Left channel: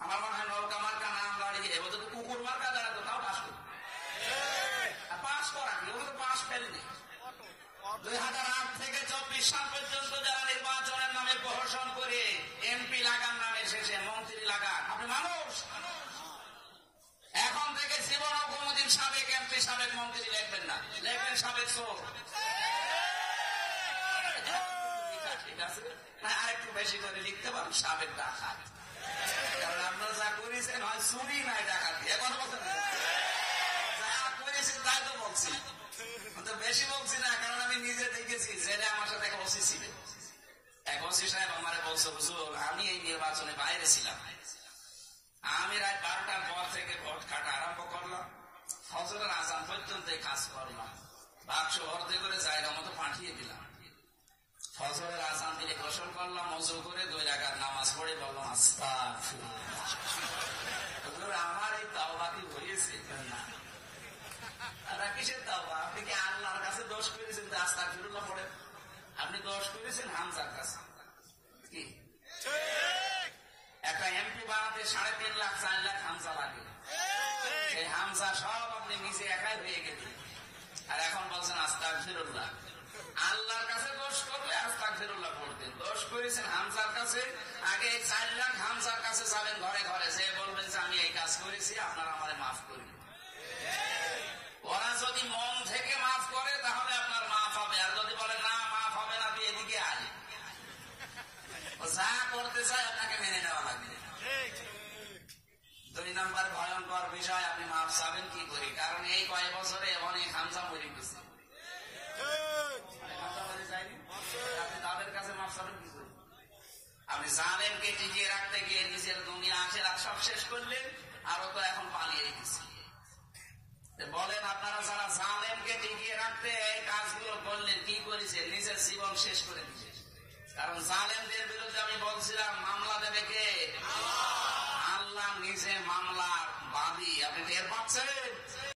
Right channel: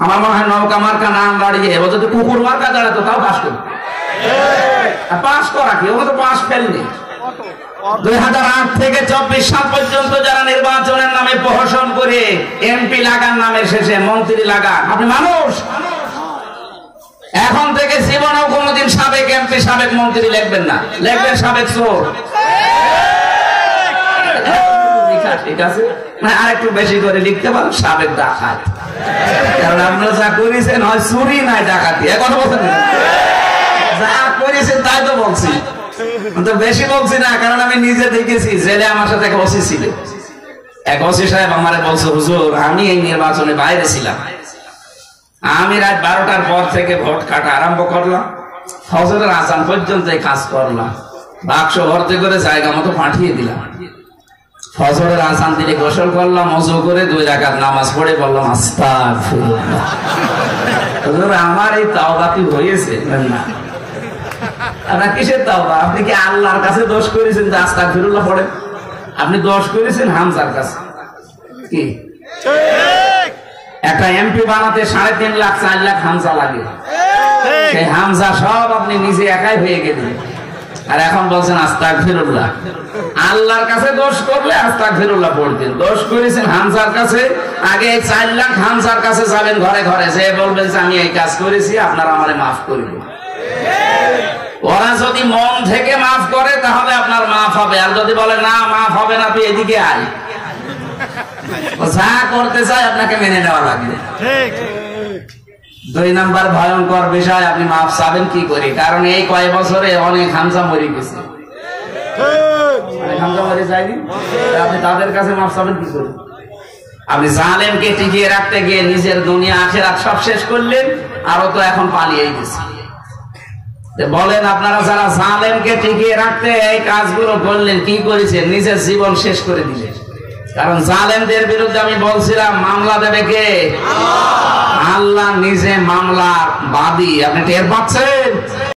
আমার মনে হয় নৌকা মার্কা নাম দাঁড়িয়ে এবার যদি কুকুর মার্কা দাঁড়াতো তাও পাস করবে। পাস করা কি, ওকে তো পাস ফেলনি। 2008 থেকে 24 সাল পর্যন্ত যারা নির্বাচনের নামে প্রহসন করে এমপি লাগান, নামের শেষে মন্ত্রী লাগান, আপনি মানুষ? এখন থেকে জীবনেও কোনোদিন সাবেক এমপি সাবেক মন্ত্রী লিখবেন না, লিখবেন সাবেক চোর। ঠিক আছে, আর একটু বেশি করে লিখতে পারেন সাবেক ডাকাত, কারণ আপনারা যা করেছেন হয় চুরি নাই ডাকাতি। এখন বলছেন যা করেছেন তাই তো বলছি, তো বেশি বলছি না, কারণ আমি নিজে দেখেছি। জেলে আমার সাথে এক ওসি ছিল, এক ওসি সাহেব আমারে বলছে, হুজুর আমি এই নির্বাচনে বাইরে ছিলাম, আমি রাত 12টার পর থেকে ভোট কাটা আরম্ভ করলাম, ফজরের আজান পর্যন্ত কাজ করলাম, বাক্স ভর্তি করে জায়গা মতো পাঠিয়ে দিলাম। ফজরের আজান দিলে গোসল করলাম, ওযু করে 2 রাকাত নামাজ পড়ে বললাম আস্তাগফিরুল্লাহ। হুজুর আমার এই তাওবা কি হয়েছে? না, আপনার কিসের তাওবা? আপনি কি আল্লাহর কাছে দোষ করেছেন যে আস্তাগফিরুল্লাহ পড়েন? আপনি দোষ করেছেন হামজার কাছে। কি একটা এমপি বানাতে 3.5 লাখ 4 লাখ হামজা লাগে, সেই হামজা সব আপনি নিজে একাই হয়ে গেলেন, আর এখন বলছেন আস্তাগফিরুল্লাহ। আল্লাহর কাছে দোষ করলে আস্তাগফিরুল্লাহ পড়তেন, দোষ করেছেন হামজার কাছে। আগে 4 লাখ হামজার কাছে যাবেন, ঘরে ঘরে যে বলবেন যে আমি এই কাজ করেছি, আপনারা আমারে মাফ করবেন। ওরা যদি মন থেকে মাফ করে তাহলে আপনার মাফ হবে, আর যদি বলে না মাফ হবে না, তুই এদিকে আয়, যা করতে চাই আপনাকে মেনে নেওয়া লাগবে। 2 নাম্বার ভয়ঙ্কর বিষয়, আপনি মাফ চাবেন কি করে? কারণ এই কয়েক বছরে অনেক হামজা মরে গেছে, হামজা মরে যায়নি, আপনি তাদের কাছে মাফ চাবেন কি করে? আপনি জালেমকে টিকিয়ে রাখতে গিয়ে নিজের দুনিয়া আখিরাত সব শেষ করলেন, আরো তো এখন পালিয়ে গেছে। বলেন আপনারা যারা জালেমকে টিকিয়ে রাখতে এই কাজগুলো করলেন, কি করেছেন? নিজের জীবন শেষ করে দিলেন। কারণ জালেমদের বিরুদ্ধে আমি বলছিলাম মামলা দেবে কে? আল্লাহ নিজে মামলার বাদী। আপনি টের পাচ্ছেন?